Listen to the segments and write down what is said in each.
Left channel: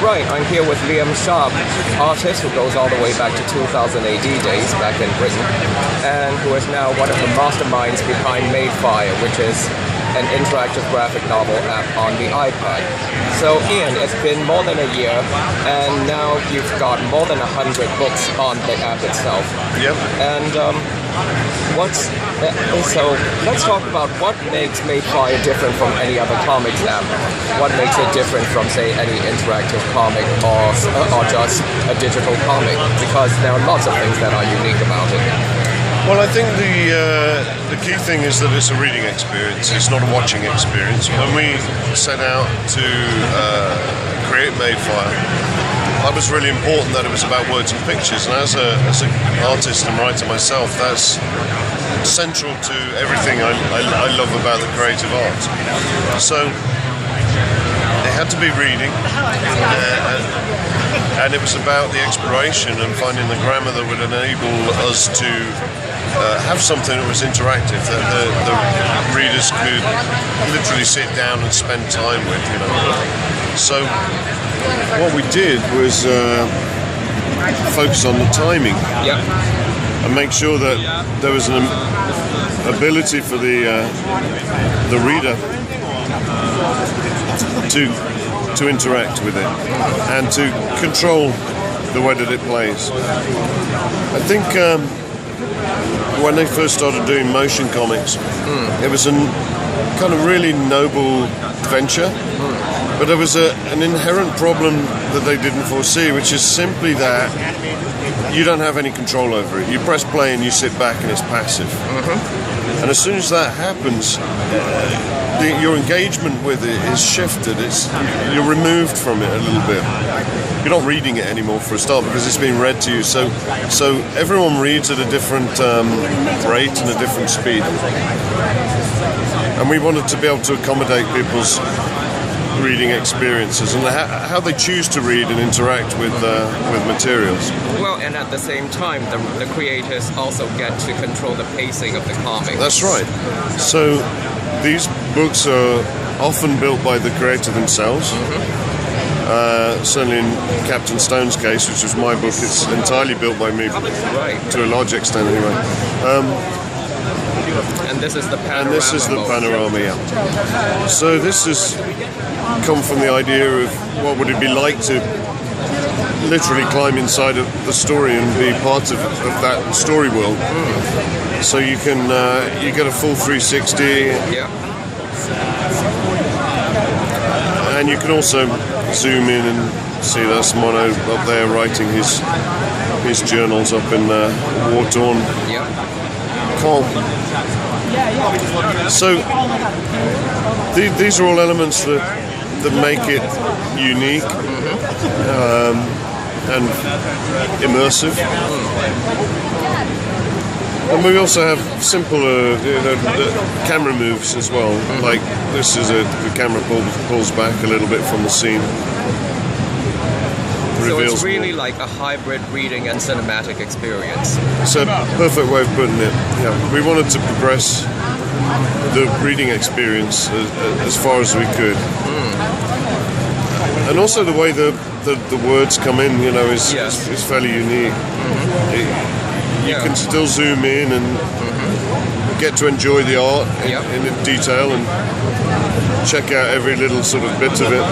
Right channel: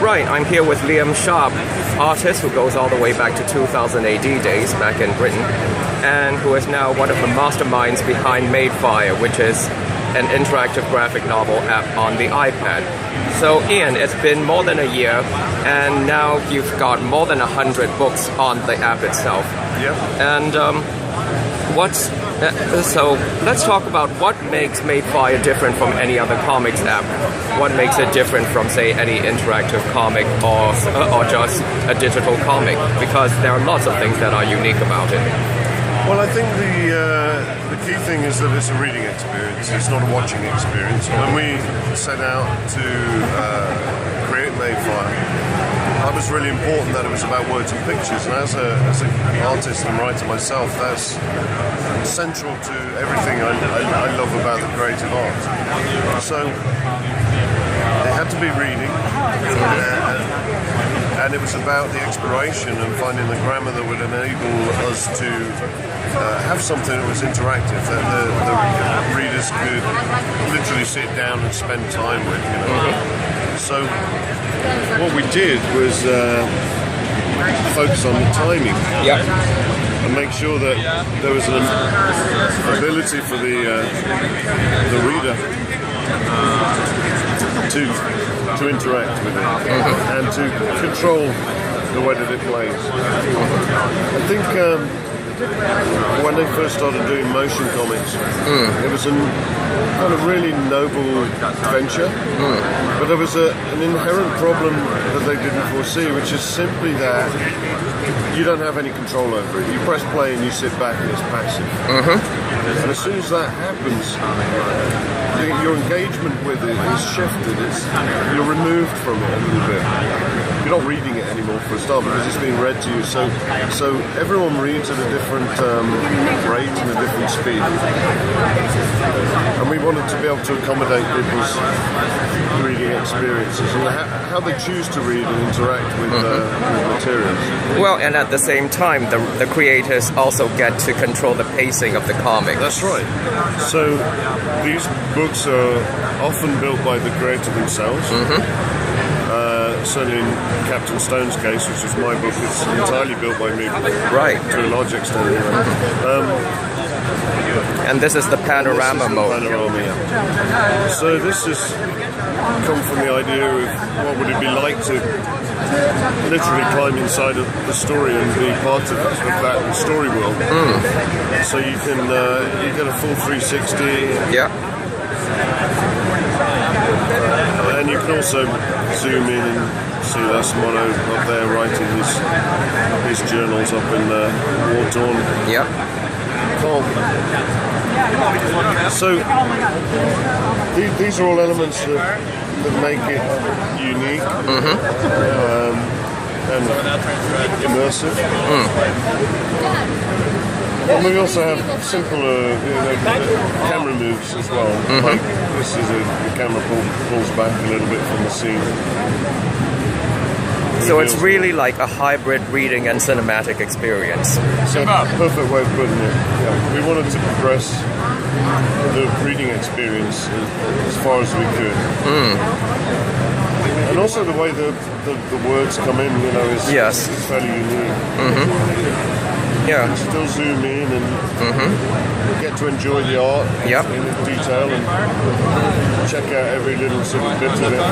Right, I'm here with Liam Sharp, artist who goes all the way back to 2000 AD days back in Britain, and who is now one of the masterminds behind Madefire, which is an interactive graphic novel app on the iPad. So Ian, it's been more than a year, and now you've got more than 100 books on the app itself. Yep. And so let's talk about what makes Madefire different from any other comics app. What makes it different from, say, any interactive comic or just a digital comic? Because there are lots of things that are unique about it. Well, I think the key thing is that it's a reading experience. It's not a watching experience. When we set out to create Madefire, it was really important that it was about words and pictures. And as an artist and writer myself, that's central to everything I love about the creative arts. So it had to be reading, and it was about the exploration and finding the grammar that would enable us to have something that was interactive, that the readers could literally sit down and spend time with, you know. So what we did was focus on the timing. Yeah. And make sure that there was an ability for the reader to interact with it and to control the way that it plays. I think when they first started doing motion comics, it was a kind of really noble venture, but there was an inherent problem that they didn't foresee, which is simply that you don't have any control over it. You press play and you sit back and it's passive. And as soon as that happens, your engagement with it is shifted. You're removed from it a little bit. You're not reading it anymore for a start because it's being read to you. So everyone reads at a different rate and a different speed. And we wanted to be able to accommodate people's reading experiences and how they choose to read and interact with materials. Well, and at the same time, the creators also get to control the pacing of the comic. That's right. So these books are often built by the creator themselves. Certainly in Captain Stone's case, which was my book, it's entirely built by me. Right. To a large extent, anyway. And this is the panorama mode. This is the panorama, yeah. So this has come from the idea of what would it be like to literally climb inside of the story and be part of that story world. So you can you get a full 360. Yeah. And you can also zoom in and see that's Mono up there writing his journals up in war-torn Cog. So these are all elements that make it unique and immersive. And we also have simple camera moves as well. Like this is the camera pulls back a little bit from the scene. So it's really like a hybrid reading and cinematic experience. It's a perfect way of putting it. Yeah. We wanted to progress the reading experience as far as we could. And also the way the words come in, you know, is fairly unique. You can still zoom in and get to enjoy the art in detail and check out every little sort of bit of it.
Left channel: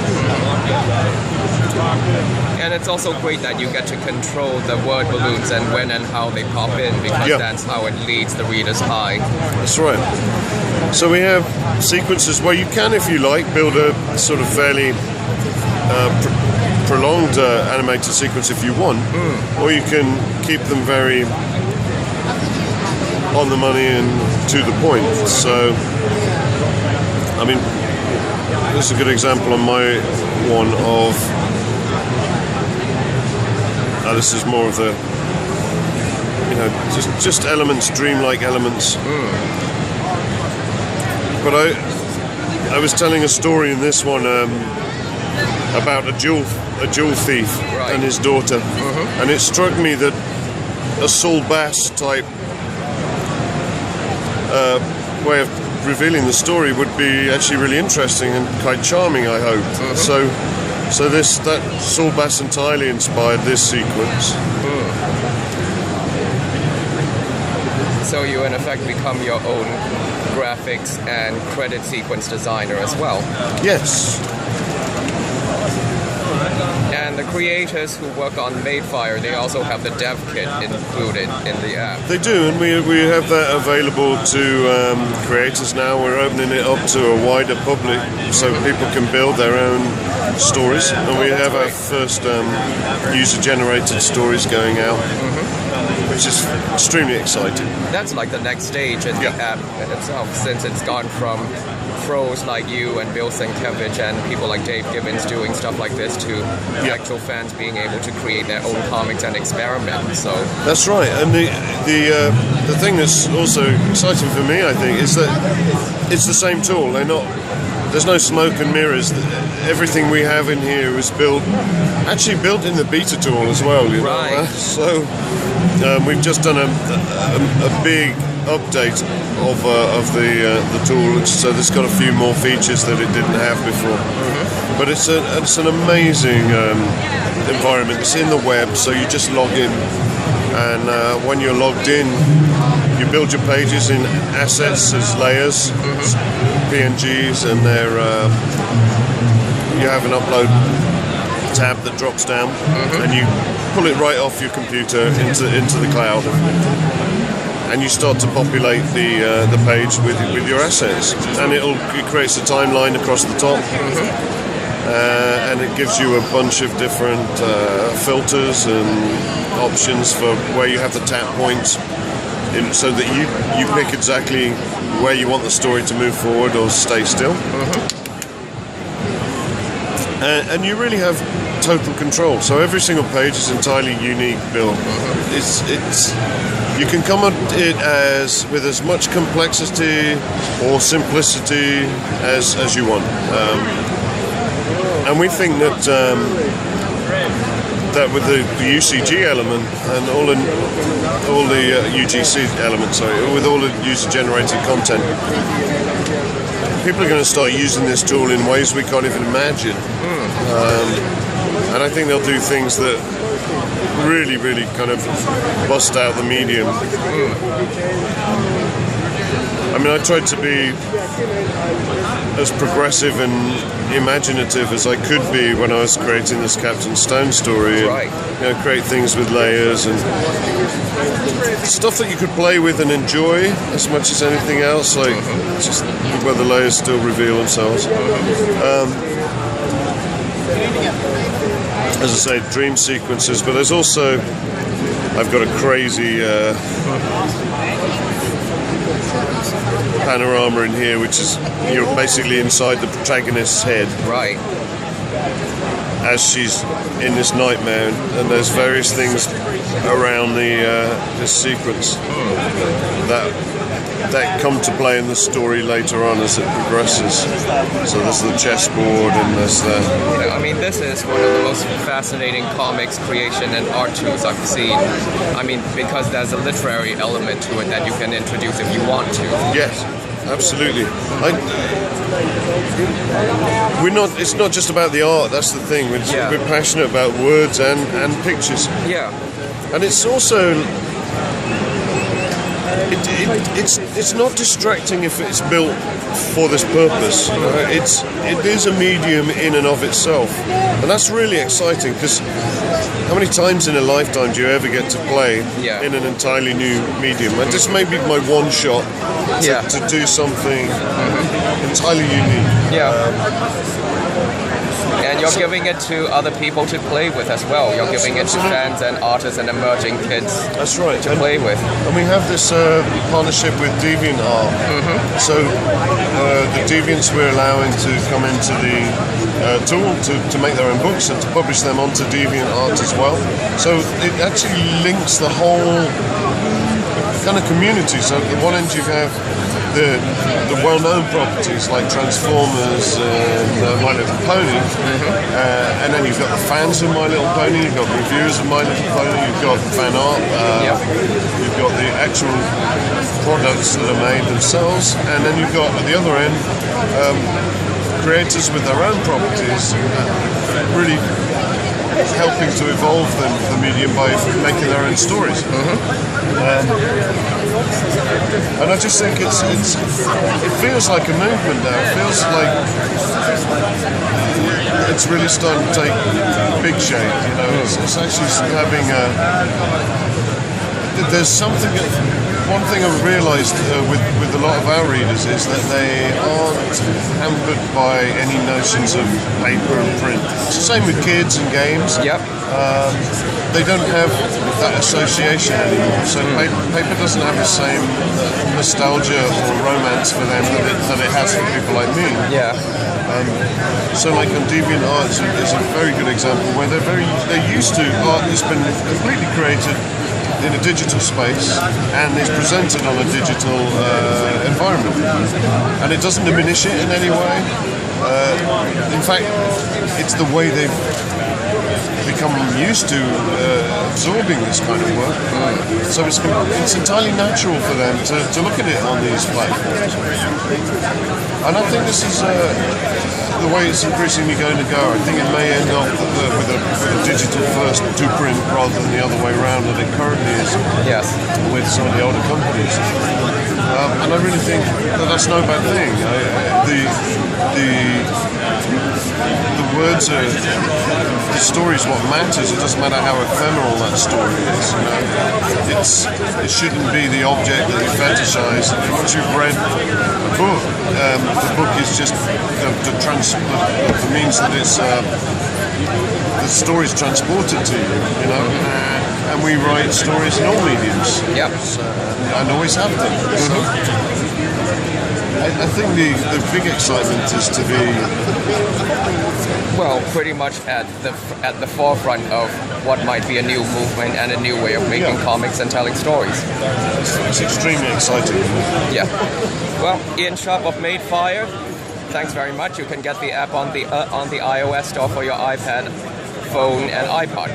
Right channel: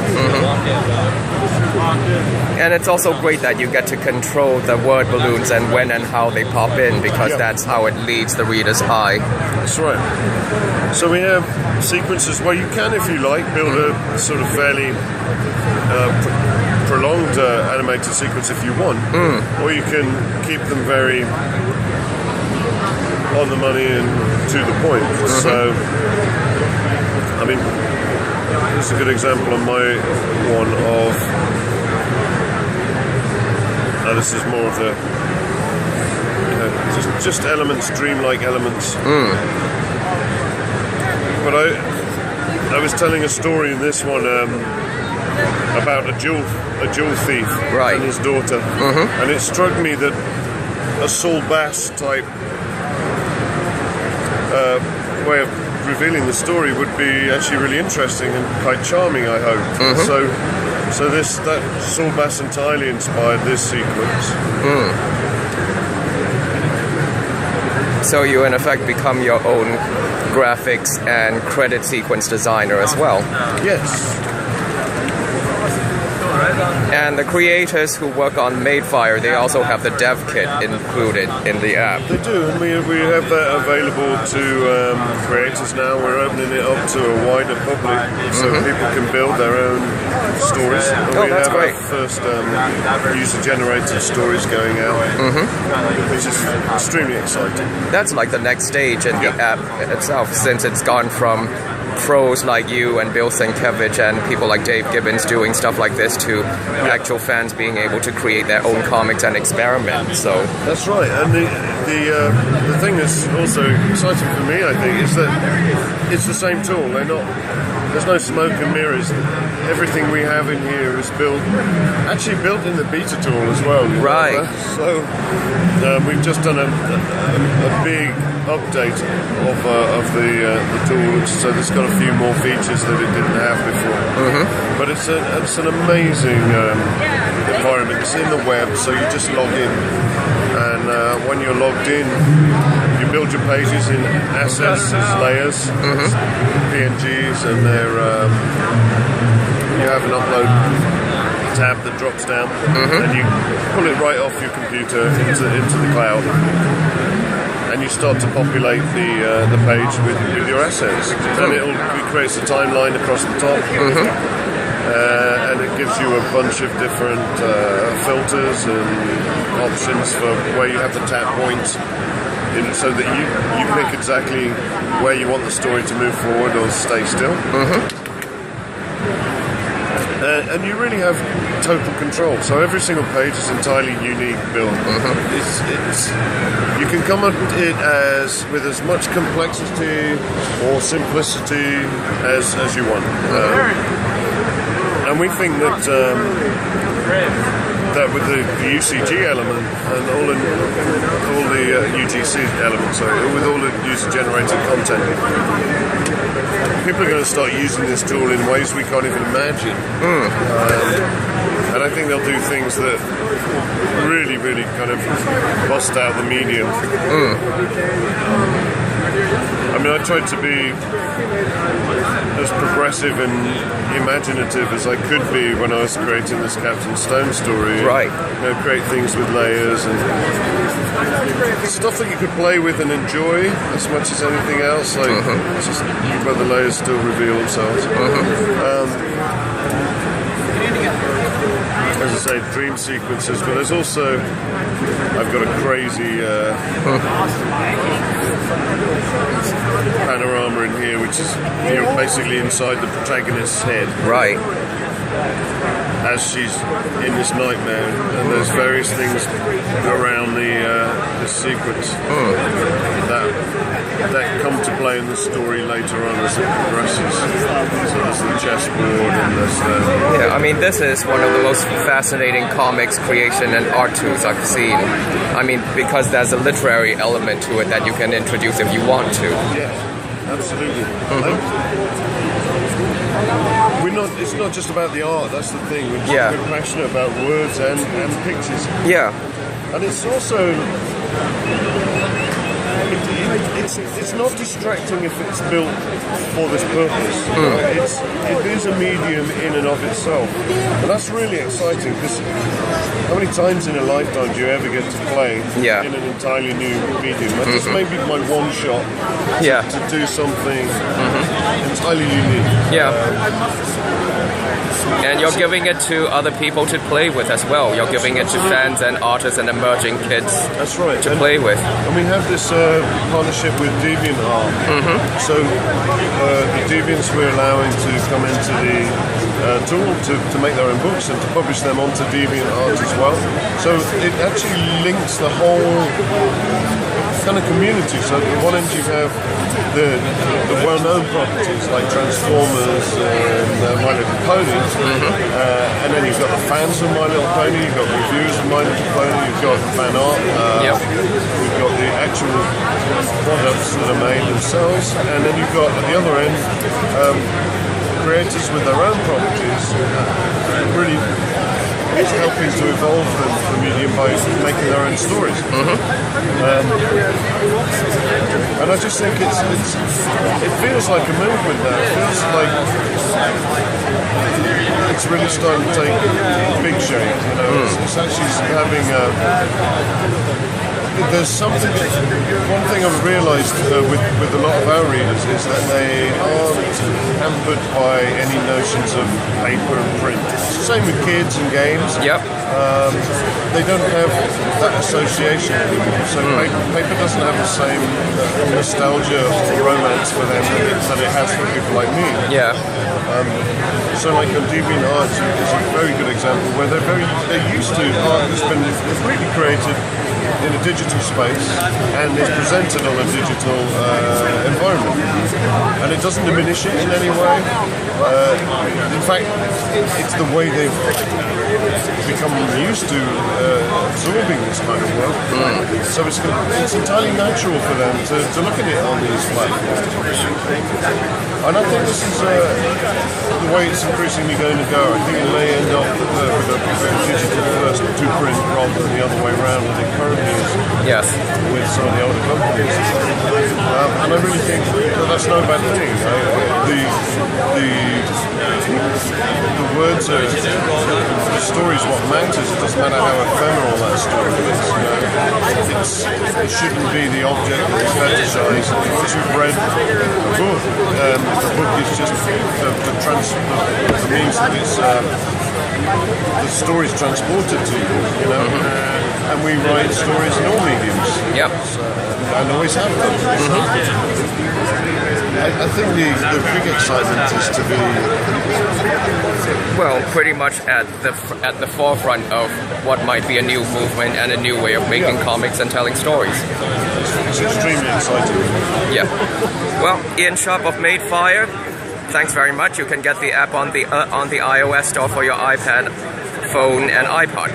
And it's also great that you get to control the word balloons and when and how they pop in, because that's how it leads the reader's eye. That's right. So we have sequences where you can, if you like, build a sort of fairly prolonged animated sequence if you want, or you can keep them very on the money and to the point. So, I mean, this is a good example on my one of. This is more of the, you know, just elements, dreamlike elements. But I was telling a story in this one about a jewel thief and his daughter, and it struck me that a Saul Bass type way of revealing the story would be actually really interesting and quite charming, I hope. So So that Saul Bass entirely inspired this sequence. So you in effect become your own graphics and credit sequence designer as well. Yes. And the creators who work on Madefire, they also have the dev kit included in the app. They do, and we have that available to creators now. We're opening it up to a wider public so people can build their own stories. And we have our first user-generated stories going out, which is extremely exciting. That's like the next stage in the app in itself, since it's gone from pros like you and Bill Sienkiewicz and people like Dave Gibbons doing stuff like this to actual fans being able to create their own comics and experiment. So that's right, and the thing that's also exciting for me, I think, is that it's the same tool. There's no smoke and mirrors. Everything we have in here is built in the beta tool as well. You know? Right. So we've just done a big update of the tool, so there's got a few more features that it didn't have before. But it's an amazing environment. It's in the web, so you just log in, and when you're logged in, you build your pages in assets as layers, PNGs, and you have an upload tab that drops down, and you pull it right off your computer into the cloud. And you start to populate the page with your assets, and it creates a timeline across the top, and it gives you a bunch of different filters and options for where you have the tap points, so that you pick exactly where you want the story to move forward or stay still. And you really have total control. So every single page is entirely unique build. You can come at it with as much complexity or simplicity as you want. And we think that with the UCG element and all the UGC elements, with all the user-generated content, people are going to start using this tool in ways we can't even imagine. And I think they'll do things that really, really kind of bust out the medium. I mean, I tried to be as progressive and imaginative as I could be when I was creating this Captain Stone story. Right. Create things with layers and stuff that you could play with and enjoy as much as anything else, like just where the layers still reveal themselves. As I say, dream sequences, but there's also, I've got a crazy panorama in here, which is you're basically inside the protagonist's head. Right. As she's in this nightmare, and there's various things around this sequence that come to play in the story later on as it progresses. So there's the chessboard, and there's the... Yeah, I mean, this is one of the most fascinating comics creation and art tools I've seen. I mean, because there's a literary element to it that you can introduce if you want to. Yes, absolutely. It's not just about the art, that's the thing. We're passionate about words and pictures. Yeah. And it's also... It's not distracting if it's built for this purpose. It is a medium in and of itself, and that's really exciting, because how many times in a lifetime do you ever get to play in an entirely new medium? And this may be my one shot to do something entirely unique. Yeah. And you're giving it to other people to play with as well. You're giving it to fans and artists and emerging kids to play with. And we have this partnership with DeviantArt. So the Deviants we're allowing to come into the tool to make their own books and to publish them onto DeviantArt as well. So it actually links the whole kind of community. So at one end you have the well-known properties like Transformers and My Little Pony, and then you've got the fans of My Little Pony, you've got reviewers of My Little Pony, you've got the fan art, you've got the actual products that are made themselves, and then you've got at the other end creators with their own properties really helping to evolve the medium by making their own stories. And I just think it feels like a movement now. It feels like it's really starting to take big shape. You know, it's actually having there's something. One thing I've realised with a lot of our readers is that they aren't hampered by any notions of paper and print. It's the same with kids and games. Yep. They don't have that association anymore. So paper doesn't have the same nostalgia or romance for them that it has for people like me. Yeah. So like on DeviantArt is a very good example where they're used to art that's been completely created in a digital space and is presented on a digital environment, and it doesn't diminish it in any way. In fact, it's the way they've become used to absorbing this kind of work. So it's entirely natural for them to look at it on these platforms. And I think this is the way it's increasingly going to go. I think it may end up with a digital first to print rather than the other way around that it currently is. Yes. With some of the older companies. And I really think that that's no bad thing. The words are, the story is what matters. It doesn't matter how ephemeral that story is. You know? It shouldn't be the object that we fetishize. Once you've read a book, the book is just the means that it's the story is transported to you. You know. And we write stories in all mediums. Yep. And always have done. So I think the big excitement is to be pretty much at the forefront of what might be a new movement and a new way of making comics and telling stories. It's extremely exciting. Yeah. Well, Ian Sharp of Madefire, thanks very much. You can get the app on the iOS store for your iPad, phone, and iPod.